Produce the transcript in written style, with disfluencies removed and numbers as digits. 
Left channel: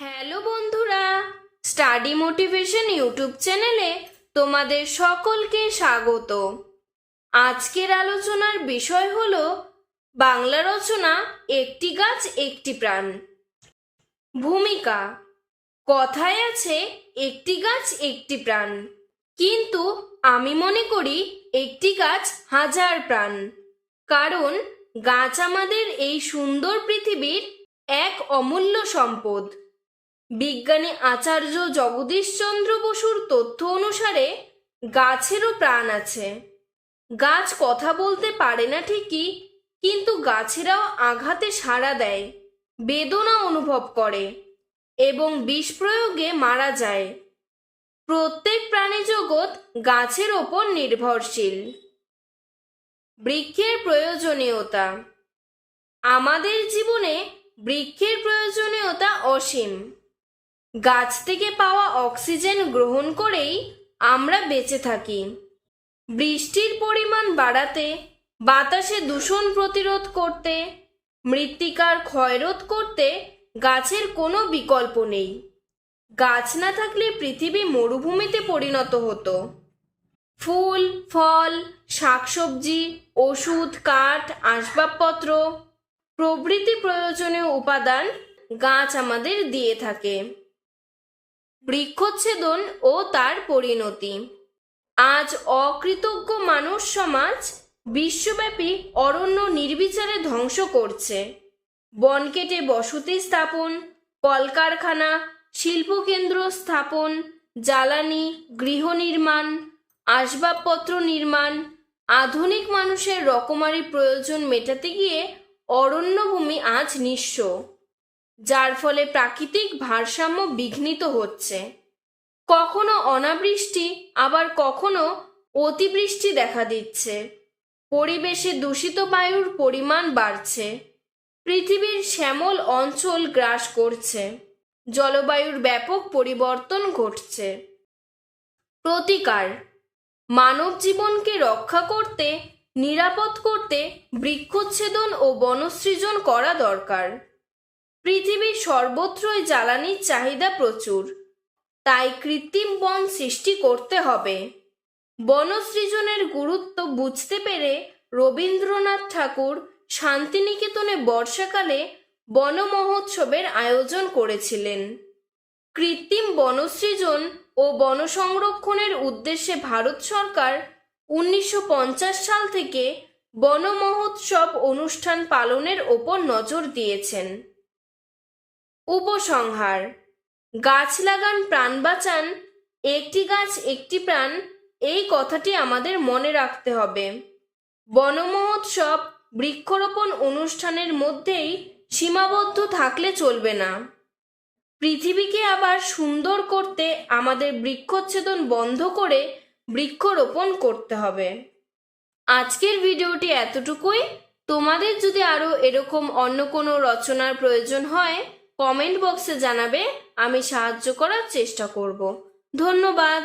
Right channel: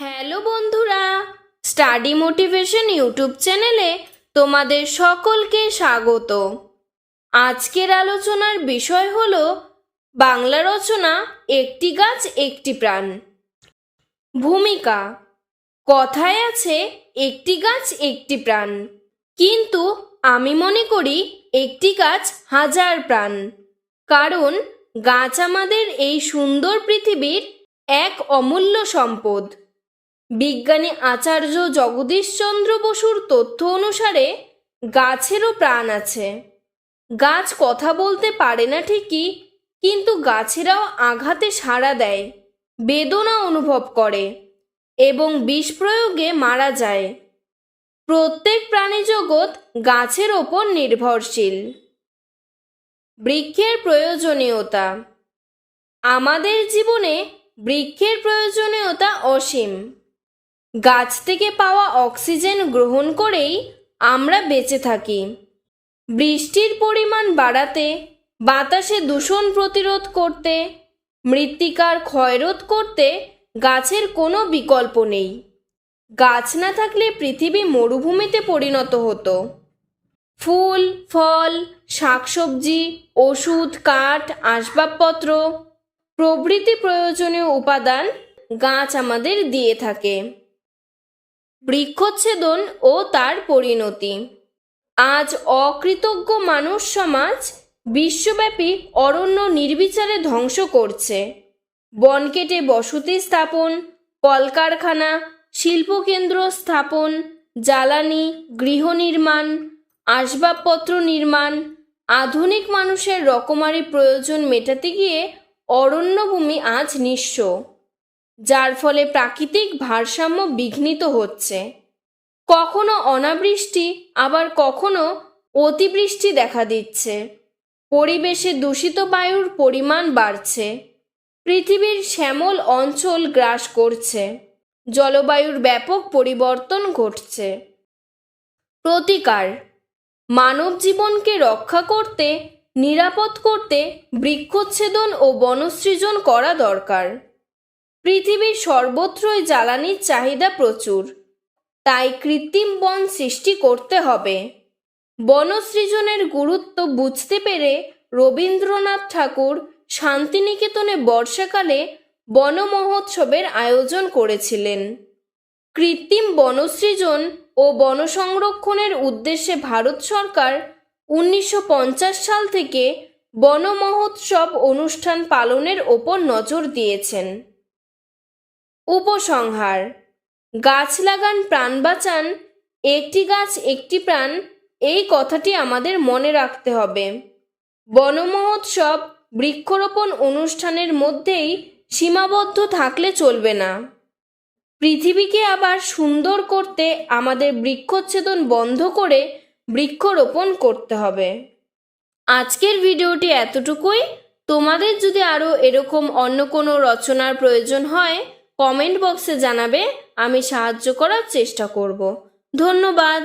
Hello বন্ধুরা, study motivation YouTube চ্যানেলে তোমাদের সকলকে স্বাগত। আজকের আলোচনার বিষয় হলো বাংলা রচনা একটি গাছ একটি প্রাণ। ভূমিকা: কথায় আছে একটি গাছ একটি প্রাণ, কিন্তু আমি মনে করি একটি গাছ হাজার প্রাণ। কারণ গাছ আমাদের এই সুন্দর পৃথিবীর এক অমূল্য সম্পদ। বিজ্ঞানী আচার্য জগদীশচন্দ্র বসুর তথ্য অনুসারে গাছেরও প্রাণ আছে। গাছ কথা বলতে পারে না ঠিকই, কিন্তু গাছেরাও আঘাতে সাড়া দেয়, বেদনা অনুভব করে এবং বিষ প্রয়োগে মারা যায়। প্রত্যেক প্রাণী জগৎ গাছের ওপর নির্ভরশীল। বৃক্ষের প্রয়োজনীয়তা: আমাদের জীবনে বৃক্ষের প্রয়োজনীয়তা অসীম। গাছ থেকে পাওয়া অক্সিজেন গ্রহণ করেই আমরা বেঁচে থাকি। বৃষ্টির পরিমাণ বাড়াতে, বাতাসে দূষণ প্রতিরোধ করতে, মৃত্তিকার ক্ষয়রোধ করতে গাছের কোনো বিকল্প নেই। গাছ না থাকলে পৃথিবী মরুভূমিতে পরিণত হতো। ফুল, ফল, শাকসবজি, ওষুধ, কাঠ, আসবাবপত্র প্রভৃতি প্রয়োজনীয় উপাদান গাছ আমাদের দিয়ে থাকে। বৃক্ষচ্ছেদন ও তার পরিণতি: আজ অকৃতজ্ঞ মানুষ সমাজ বিশ্বব্যাপী অরণ্য নির্বিচারে ধ্বংস করছে। বন কেটে বসতি স্থাপন, কলকারখানা, শিল্পকেন্দ্র স্থাপন, জ্বালানি, গৃহ নির্মাণ, আসবাবপত্র নির্মাণ, আধুনিক মানুষের রকমারি প্রয়োজন মেটাতে গিয়ে অরণ্যভূমি আজ নিঃস্ব, যার ফলে প্রাকৃতিক ভারসাম্য বিঘ্নিত হচ্ছে। কখনো অনাবৃষ্টি, আবার কখনো অতিবৃষ্টি দেখা দিচ্ছে। পরিবেশে দূষিত বায়ুর পরিমাণ বাড়ছে। পৃথিবীর শ্যামল অঞ্চল গ্রাস করছে। জলবায়ুর ব্যাপক পরিবর্তন ঘটছে। প্রতিকার: মানব জীবনকে রক্ষা করতে, নিরাপদ করতে বৃক্ষচ্ছেদন ও বনসৃজন করা দরকার। পৃথিবীর সর্বত্রই জ্বালানির চাহিদা প্রচুর, তাই কৃত্রিম বন সৃষ্টি করতে হবে। বনসৃজনের গুরুত্ব বুঝতে পেরে রবীন্দ্রনাথ ঠাকুর শান্তিনিকেতনে বর্ষাকালে বন মহোৎসবের আয়োজন করেছিলেন। কৃত্রিম বনসৃজন ও বন সংরক্ষণের উদ্দেশ্যে ভারত সরকার 1950 সাল থেকে বন মহোৎসব অনুষ্ঠান পালনের ওপর নজর দিয়েছেন। উপসংহার: গাছ লাগান, প্রাণ বাঁচান, একটি গাছ একটি প্রাণ, এই কথাটি আমাদের মনে রাখতে হবে। বন মহোৎসব, বৃক্ষরোপণ অনুষ্ঠানের মধ্যেই সীমাবদ্ধ থাকলে চলবে না। পৃথিবীকে আবার সুন্দর করতে আমাদের বৃক্ষচ্ছেদন বন্ধ করে বৃক্ষরোপণ করতে হবে। আজকের ভিডিওটি এতটুকুই। তোমাদের যদি আরও এরকম অন্য কোনো রচনার প্রয়োজন হয় কমেন্ট বক্সে জানাবে, আমি সাহায্য করার চেষ্টা করব। ধন্যবাদ।